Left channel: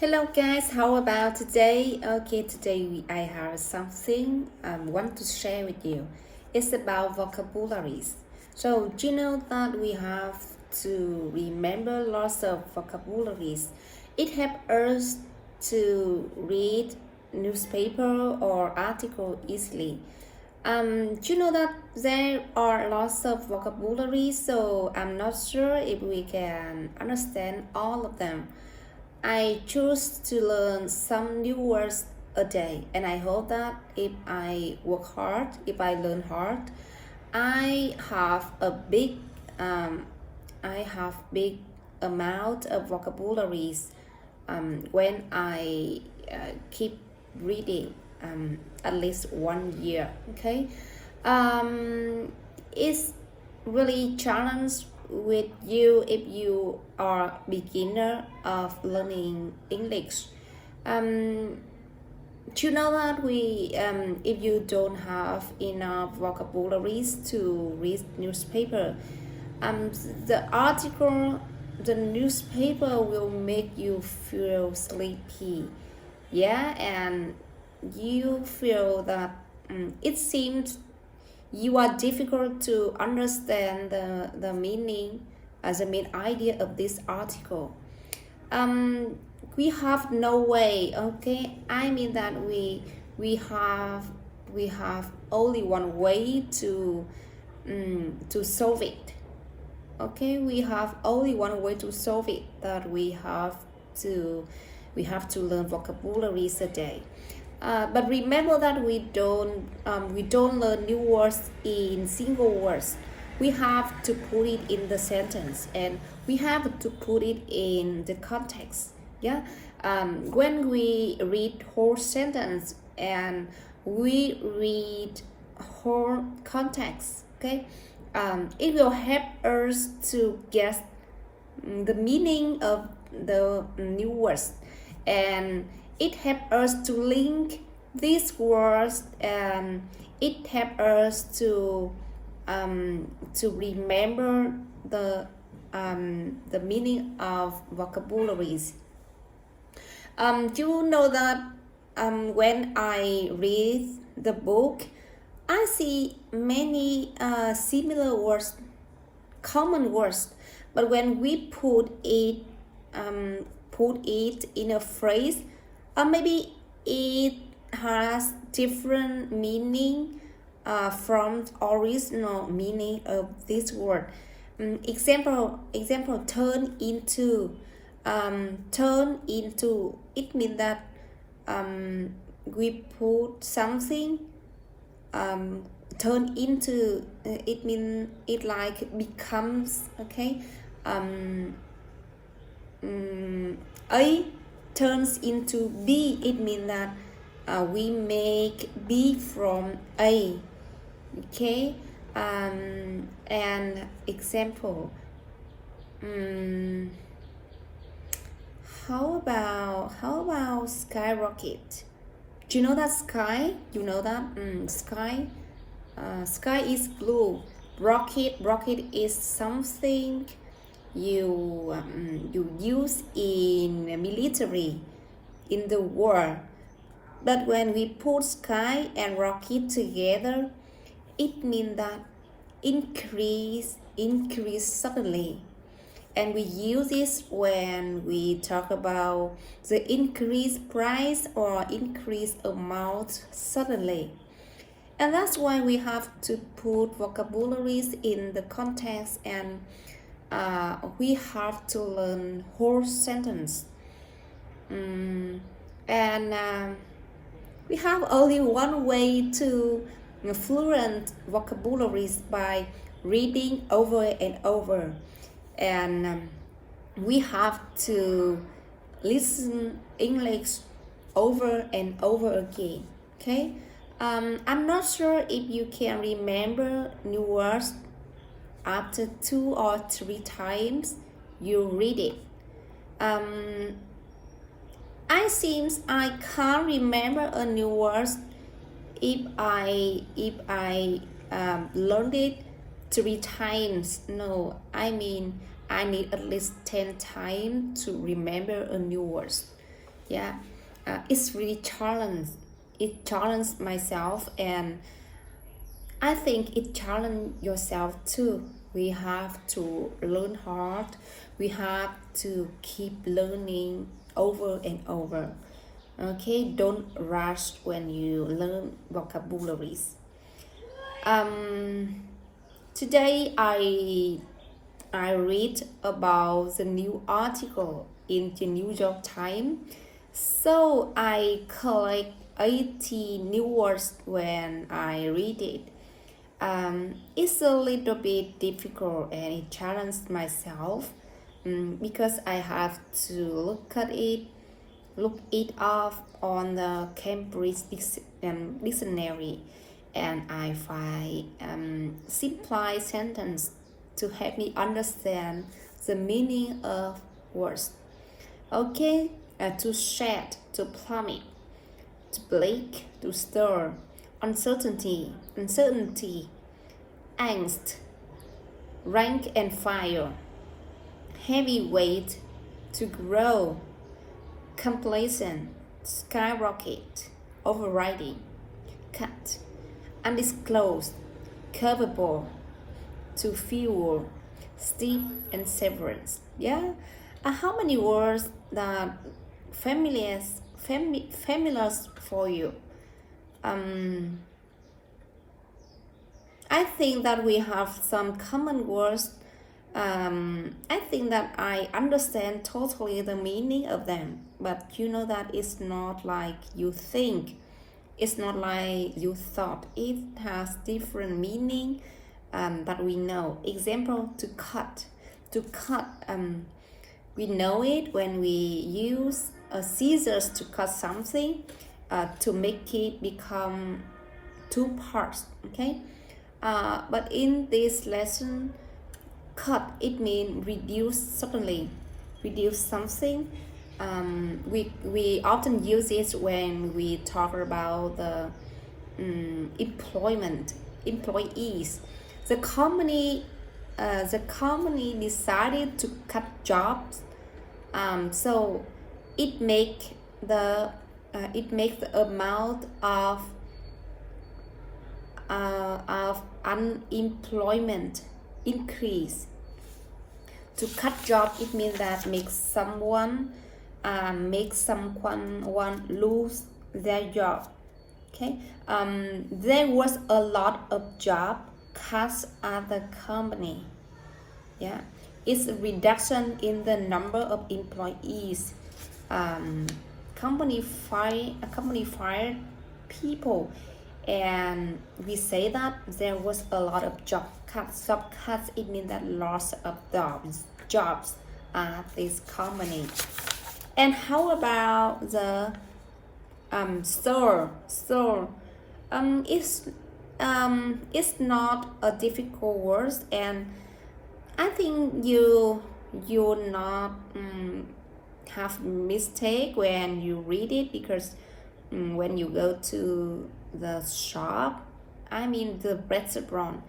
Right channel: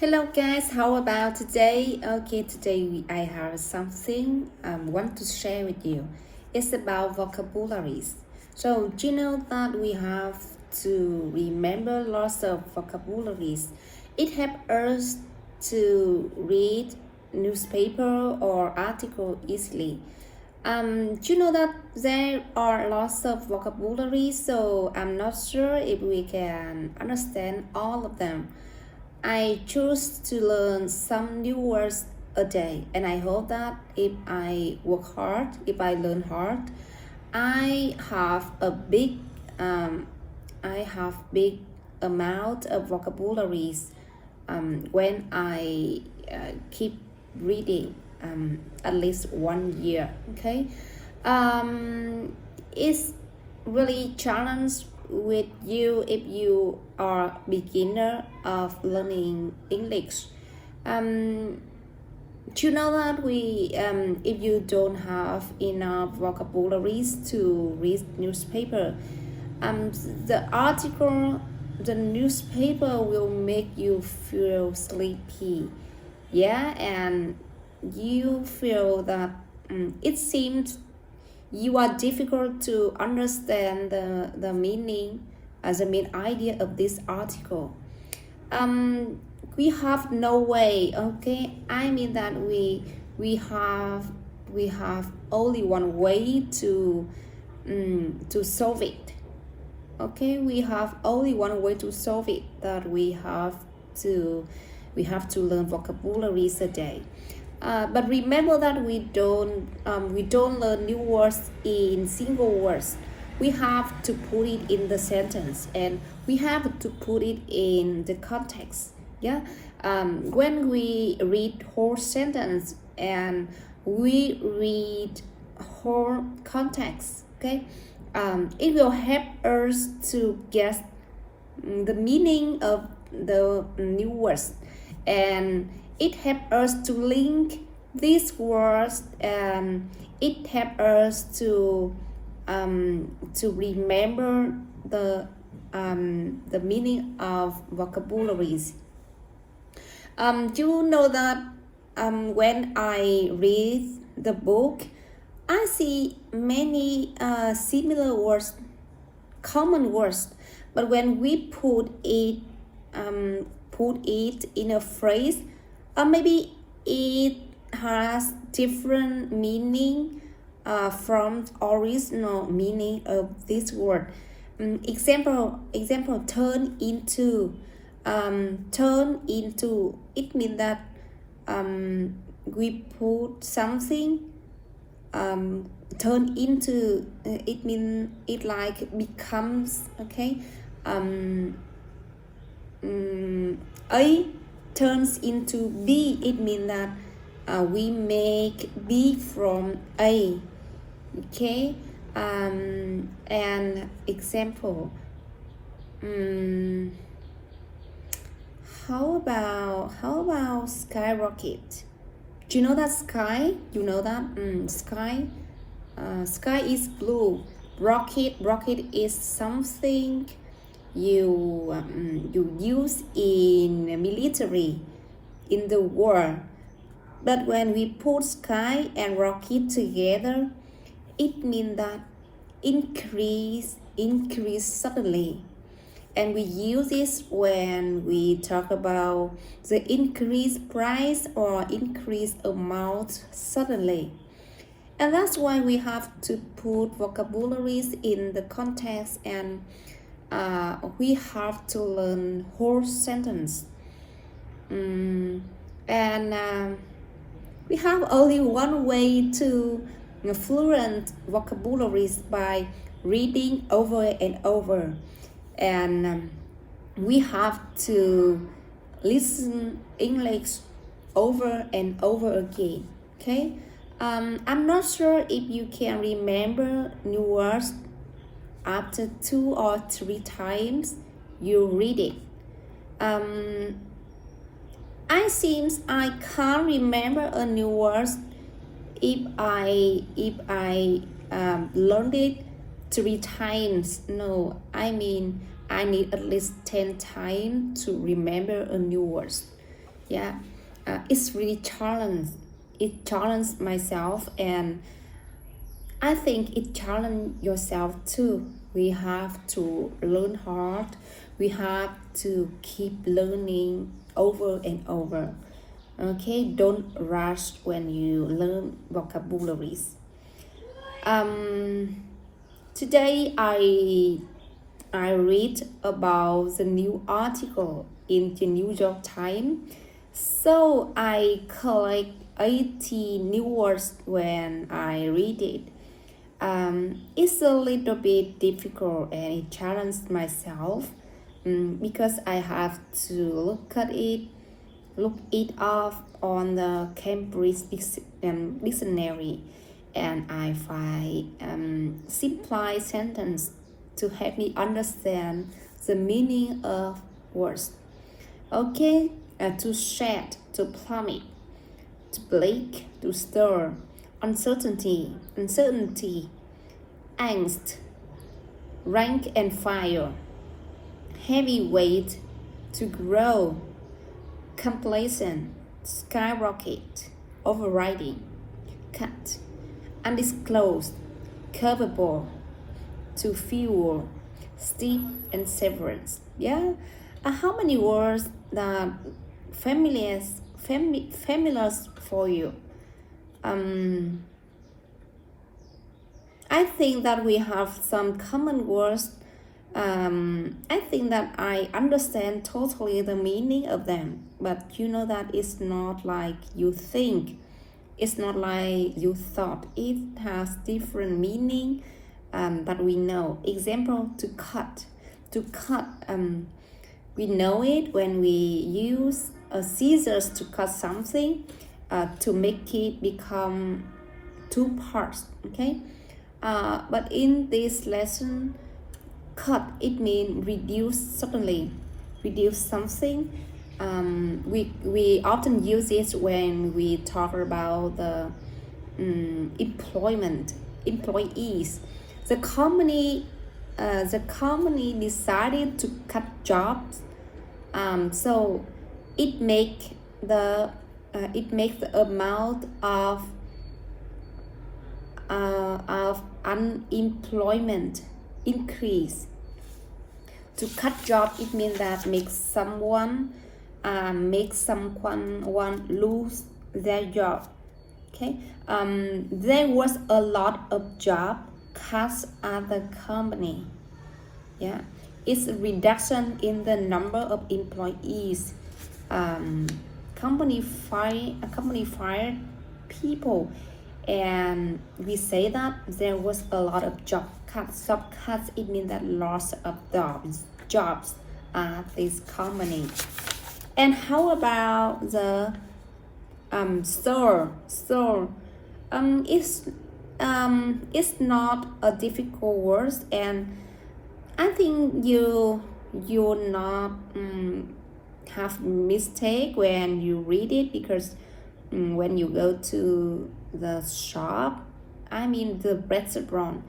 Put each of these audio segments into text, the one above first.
Hello guys, how about today? Okay, today I have something I want to share with you. It's about vocabularies. So, do you know that we have to remember lots of vocabularies? It helps us to read newspaper or article easily. Do you know that there are lots of vocabularies, so I'm not sure if we can understand all of them. I choose to learn some new words a day, and I hope that if I work hard, if I learn hard, I have a big, um, I have big amount of vocabularies when I keep reading at least 1 year. Okay, it's really challenge with you if you are beginner of learning English. Do you know that if you don't have enough vocabularies to read newspaper, the article, the newspaper will make you feel sleepy, yeah, and you feel that it seems you are difficult to understand the meaning as the main idea of this article. We have no way, okay? I mean that we have only one way to solve it. Okay, we have only one way to solve it, that we have to learn vocabularies a day. But remember that we don't learn new words in single words. We have to put it in the sentence, and we have to put it in the context. Yeah. When we read whole sentence and we read whole context, okay, it will help us to get the meaning of the new words, and it helps us to link these words, and it helps us to remember the meaning of vocabularies. You know that when I read the book, I see many similar words, common words, but when we put it in a phrase, maybe it has different meaning from original meaning of this word. Example, turn into. Turn into, it means that we put something turn into, it means it like becomes, okay. A turns into B, it means that we make B from A, okay. And example, how about skyrocket? Do you know that sky? You know that sky? Sky is blue. Rocket is something you use in military, in the war. But when we put sky and rocket together, it means that increase suddenly. And we use this when we talk about the increased price or increased amount suddenly. And that's why we have to put vocabularies in the context, and we have to learn whole sentence. And we have only one way to fluent vocabularies, by reading over and over. And we have to listen English over and over again, okay. I'm not sure if you can remember new words after 2 or 3 times you read it. I seems I can't remember a new word if I learned it 3 times. No, I mean I need at least 10 times to remember a new word. Yeah, it's really challenged. It challenged myself, and I think it challenged yourself too. We have to learn hard. We have to keep learning over and over. Okay, don't rush when you learn vocabularies. Um, Today I read about the new article in the New York Times. So I collect 80 new words when I read it. It's a little bit difficult and it challenged myself because I have to look it up on the Cambridge dictionary, and I find simple sentence to help me understand the meaning of words. Okay, to shed, to plummet, to blake, to stir, uncertainty, angst, rank and file, heavy weight, to grow, complacent, skyrocket, overriding, cut, undisclosed, curvable, to fuel, steep and severance. Yeah, how many words that familiar for you? I think that we have some common words. I think that I understand totally the meaning of them, but you know that it's not like you think. It's not like you thought. It has different meaning, but we know. Example, to cut. To cut, we know it when we use scissors to cut something, to make it become two parts, okay? But in this lesson, cut, it means reduce suddenly, reduce something. We often use it when we talk about the employees. The company decided to cut jobs, so it make the amount of unemployment increase. To cut job, it means that makes someone lose their job. Okay, there was a lot of job cuts at the company. Yeah, it's a reduction in the number of employees. Company fired people, and we say that there was a lot of job cuts. Job cuts, it means that loss of jobs at this company. And how about the store? It's not a difficult word, and I think you not have mistake when you read it, because when you go to the shop, I mean the restaurant,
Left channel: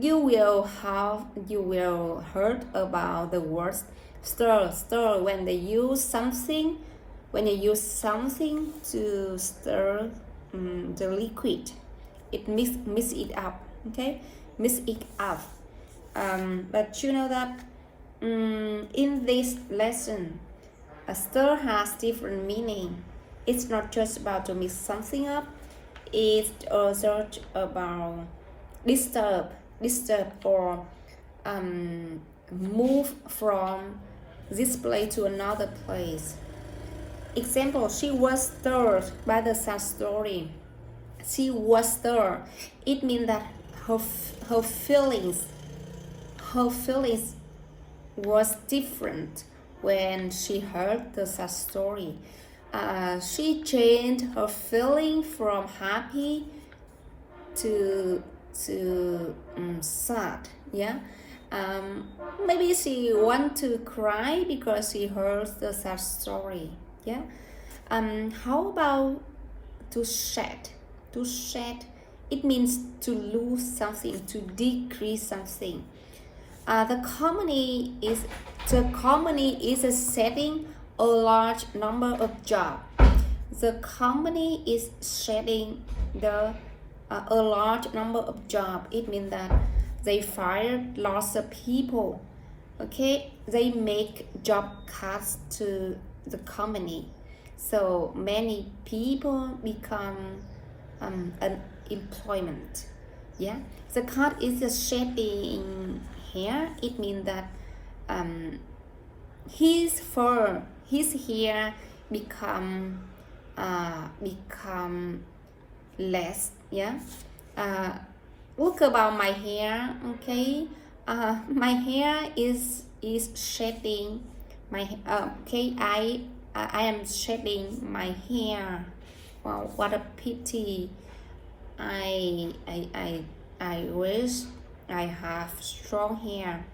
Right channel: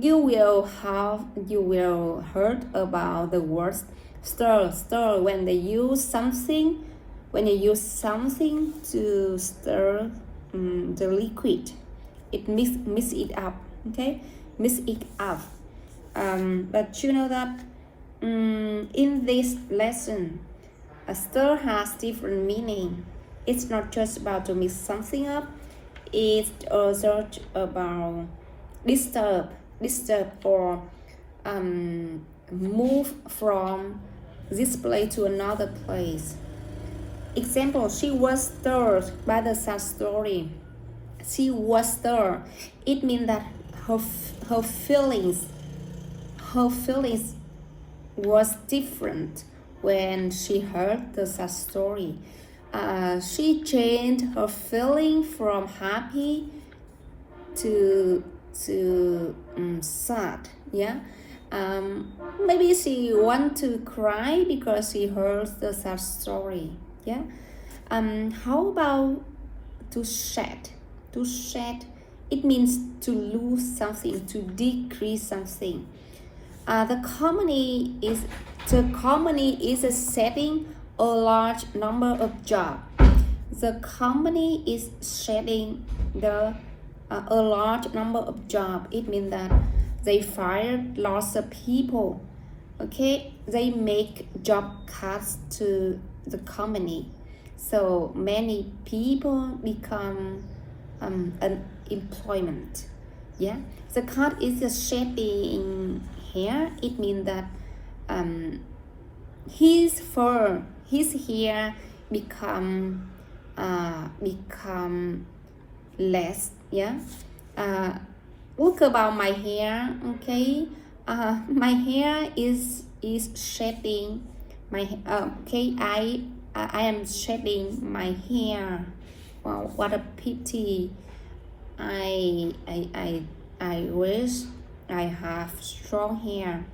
you will heard about the word stir when they use something to stir the liquid. It mix it up, okay, mix it up. But you know that in this lesson, a stir has different meaning. It's not just about to mix something up. It's also about disturb or move from this place to another place. Example, she was stirred by the sad story. She was stirred. It means that her feelings was different when she heard the sad story. She changed her feeling from happy to sad. Yeah. Maybe she want to cry because she heard the sad story. Yeah. How about to shed? To shed, it means to lose something, to decrease something. The comedy is a setting a large number of jobs. The company is shedding a large number of jobs. It means that they fired lots of people. Okay, they make job cuts to the company, so many people become unemployment. Yeah, the cut is a shedding here. It means that his fur, his hair become less. Yeah, look about my hair. Okay, my hair is shedding. My okay, I am shedding my hair. Wow, what a pity. I wish I have strong hair.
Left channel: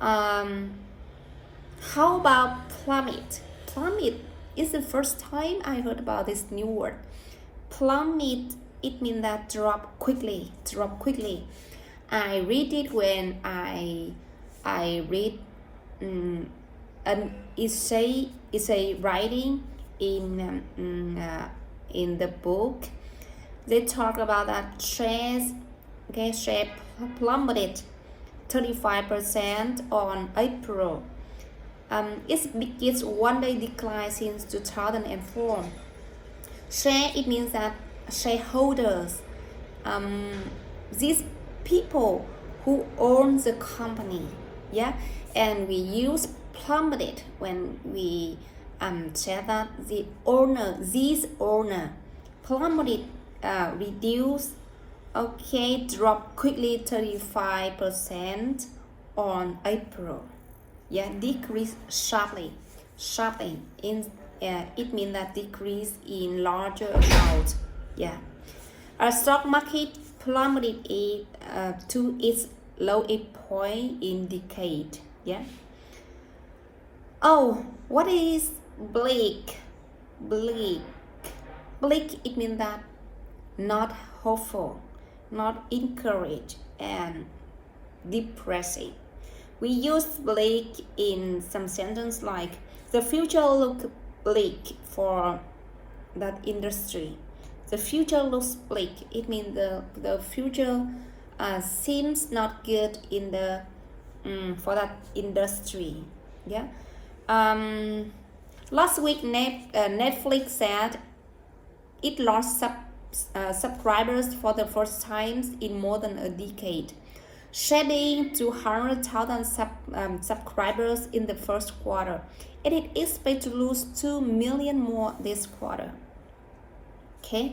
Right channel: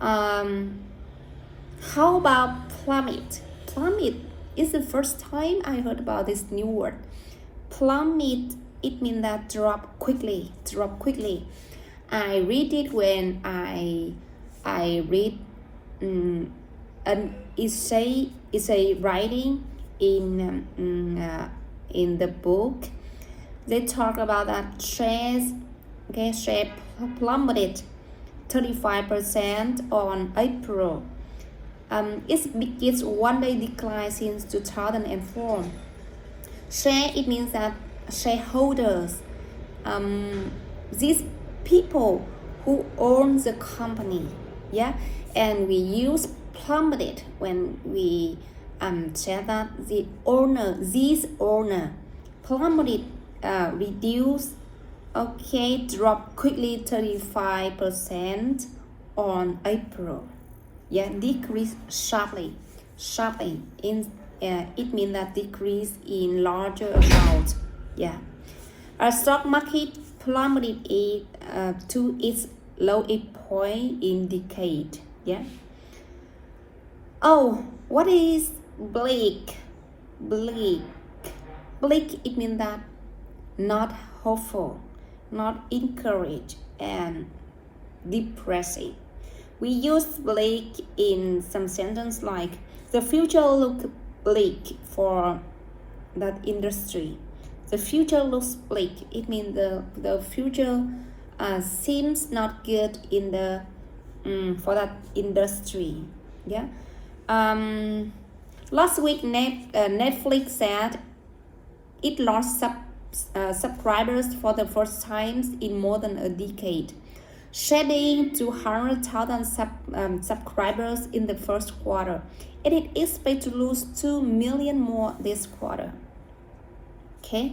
How about plummet? Plummet is the first time I heard about this new word. Plummet, it means that drop quickly. I read it when I read an essay writing in the book. They talk about that shares plummeted 35% on April. Its biggest one-day decline since 2004. Share, it means that shareholders, these people who own the company, yeah, and we use plummeted when we say that this owner plummeted, reduce, okay, drop quickly 35% on April. Yeah, decrease sharply in it means that decrease in larger amount. Yeah, our stock market plummeted to its lowest point in decade. Yeah. Oh, what is bleak? Bleak, it means that not hopeful, not encouraged, and depressing. We use bleak in some sentence like the future looks bleak for that industry. The future looks bleak. It means the future seems not good in the for that industry. Yeah. Last week Netflix said it lost subscribers for the first time in more than a decade, shedding 200,000 subscribers in the first quarter, and it expects to lose 2 million more this quarter. Okay,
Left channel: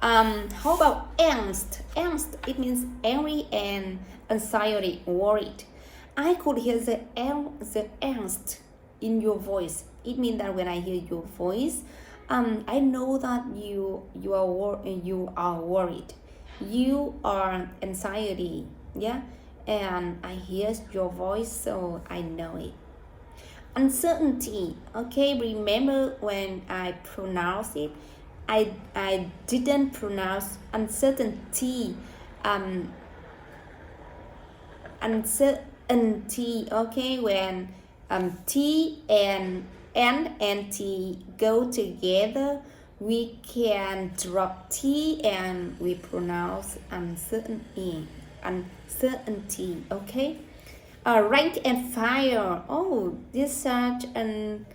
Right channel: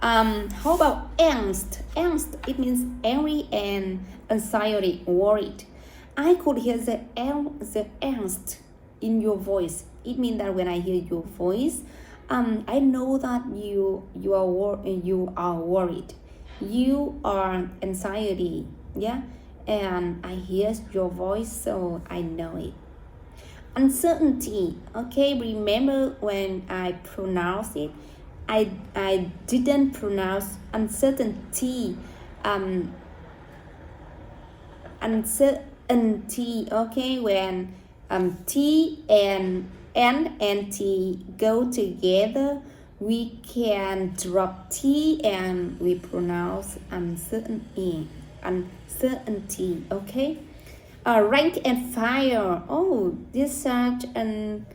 how about angst? Angst, it means angry and anxiety, worried. I could hear the angst in your voice. It means that when I hear your voice, I know that you are worried, you are anxiety. Yeah, and I hear your voice, so I know it. Uncertainty. Okay, remember when I pronounced it, I didn't pronounce uncertainty. Uncertainty. Okay, when T and N and T go together, we can drop T and we pronounce uncertainty. Okay. Rank and file. Oh, this is such an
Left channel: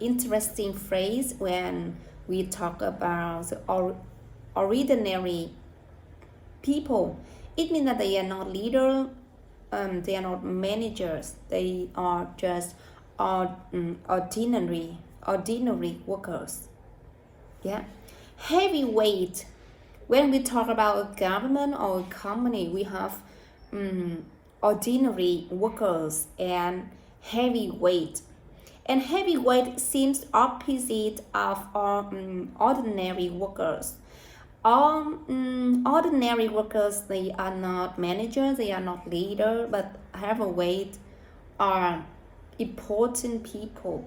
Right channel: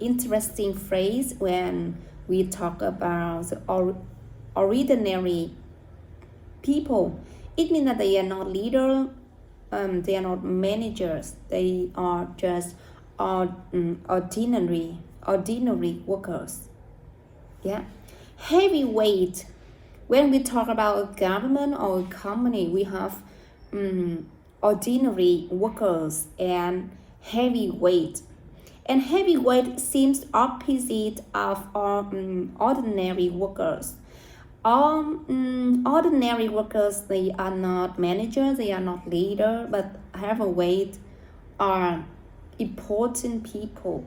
interesting phrase when we talk about the ordinary people. It means that they are not leaders, they are not managers, they are just ordinary workers. Yeah. Heavyweight. When we talk about a government or a company, we have ordinary workers and heavyweight. And heavyweight seems opposite of ordinary workers. Ordinary workers, they are not managers, they are not leaders, but heavyweight are important people,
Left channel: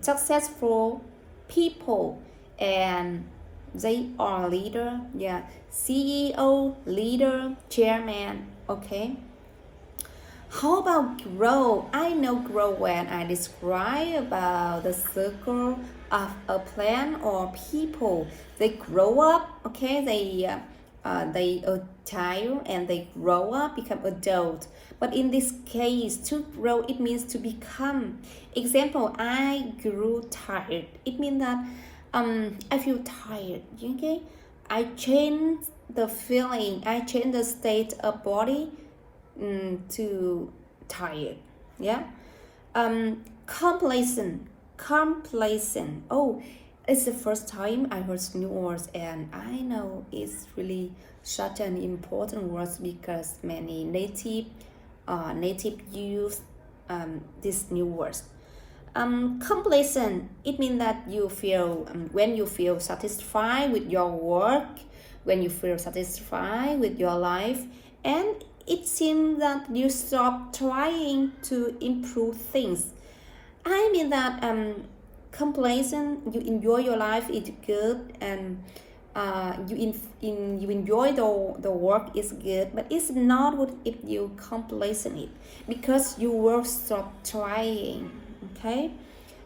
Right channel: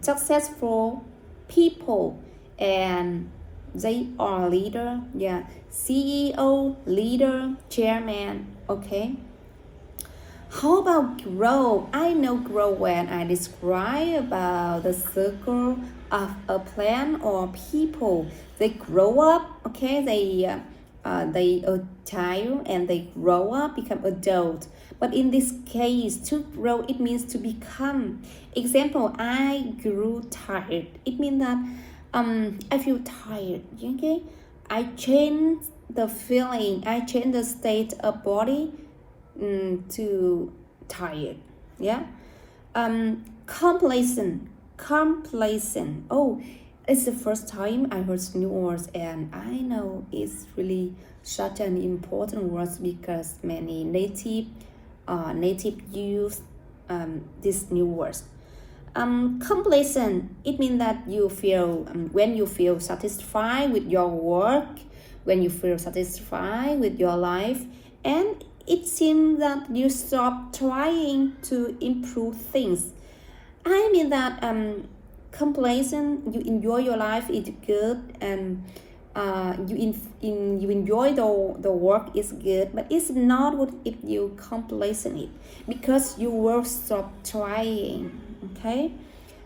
successful people, and they are leader. Yeah, CEO, leader, chairman. Okay. How about grow? I know grow when I describe about the circle of a plant or people. They grow up, okay? They a child and they grow up, become adult. But in this case, to grow, it means to become. Example, I grew tired. It means that I feel tired, okay? I change the feeling, I change the state of body to tired. Yeah. Complacent. Oh, it's the first time I heard new words, and I know it's really such an important word because many native use these new words. Complacent, it means that you feel when you feel satisfied with your work, when you feel satisfied with your life, and it seems that you stop trying to improve things. I mean that complacent, you enjoy your life, it's good, and you enjoy the work is good, but it's not good if you complacent it because you will stop trying. Okay,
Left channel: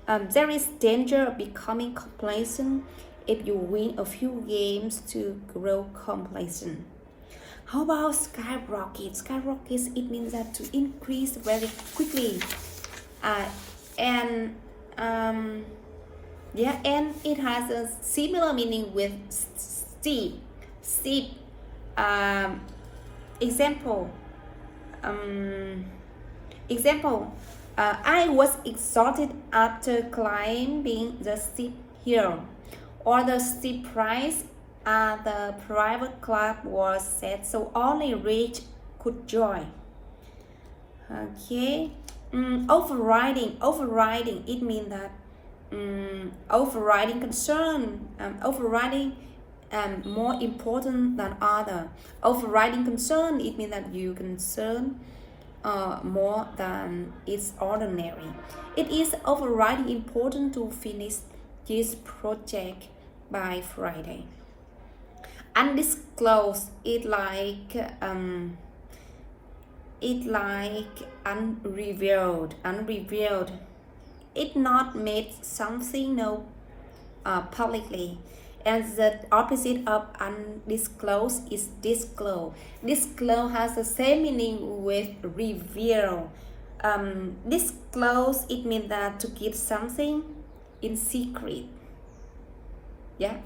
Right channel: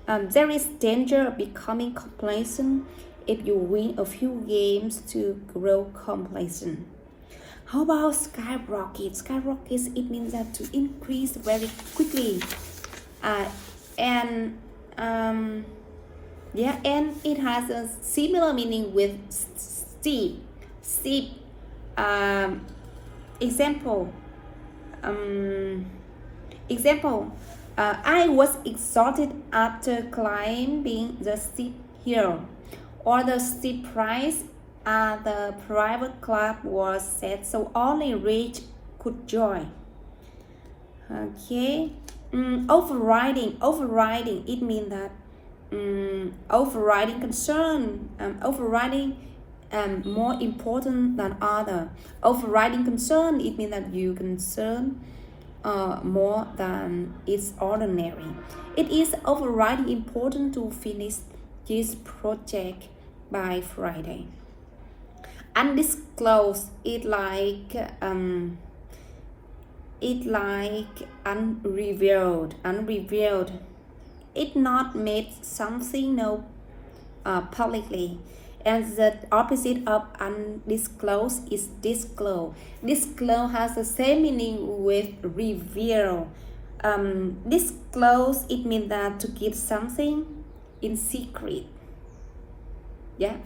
there is danger of becoming complacent if you win a few games to grow complacent. How about skyrocket? Skyrockets, it means that to increase very quickly, and it has a similar meaning with steep. Example. I was exhausted after climbing the steep hill, or the steep price at the private club was set so only rich could join. Okay. Overriding, it means that overriding concern, overriding more important than other. Overriding concern, it means that you concern more than it's ordinary. It is overriding important to finish this project by Friday. Undisclosed, it like unrevealed. It not made something known publicly. And the opposite of undisclosed is disclosed. Disclosed has the same meaning with reveal. Disclose, it means that to keep something in secret. Yeah.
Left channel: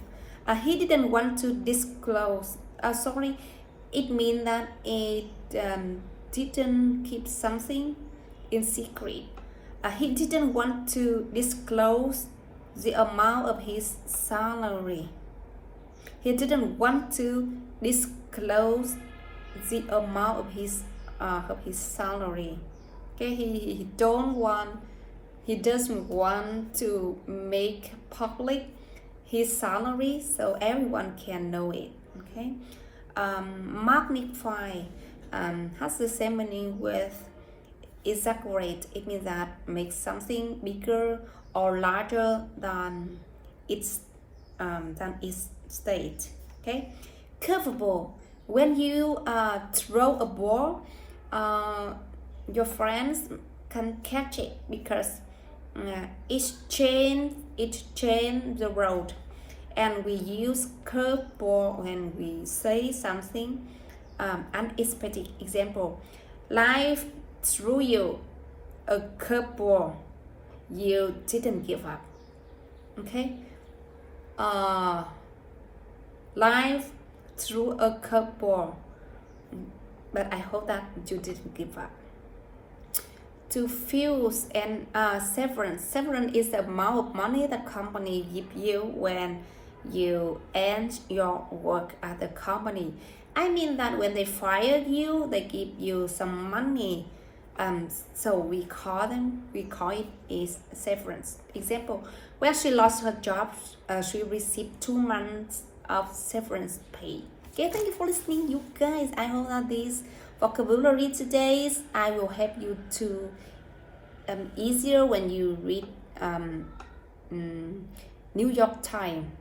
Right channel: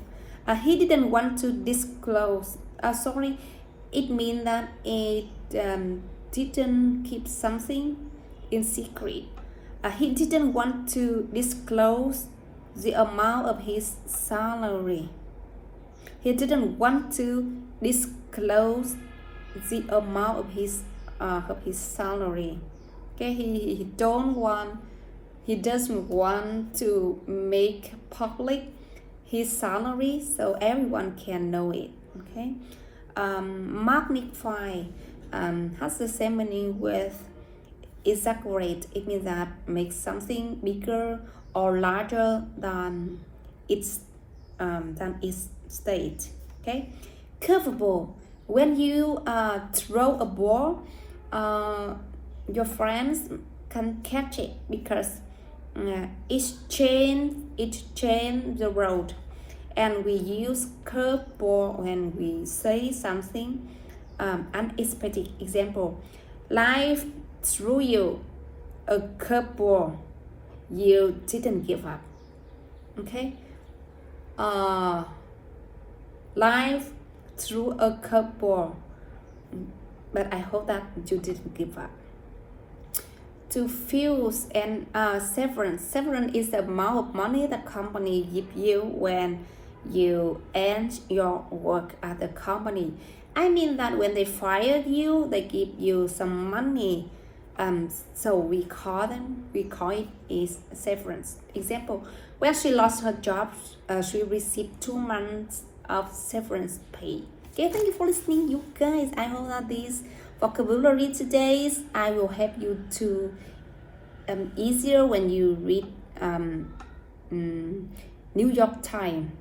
He didn't want to disclose. It means that it didn't keep something in secret. He didn't want to disclose the amount of his salary. He didn't want to disclose the amount of his salary. Okay, he doesn't want to make public his salary so everyone can know it. Okay, magnify has the same meaning with exaggerate. It means that make something bigger or larger than its state. Okay, curveball. When you throw a ball, your friends can catch it because it change the road. And we use curveball when we say something unexpected. Example: life threw you a curveball. You didn't give up. Okay. Life threw a curveball, but I hope that you didn't give up. To fuse and severance. Severance is the amount of money the company give you when you end your work at the company. I mean that when they fire you, they give you some money. So we call it is severance. Example: when she lost her job, she received 2 months of severance pay. Okay, thank you for listening, you guys. I hope that this vocabulary today I will help you to easier when you read New York Times.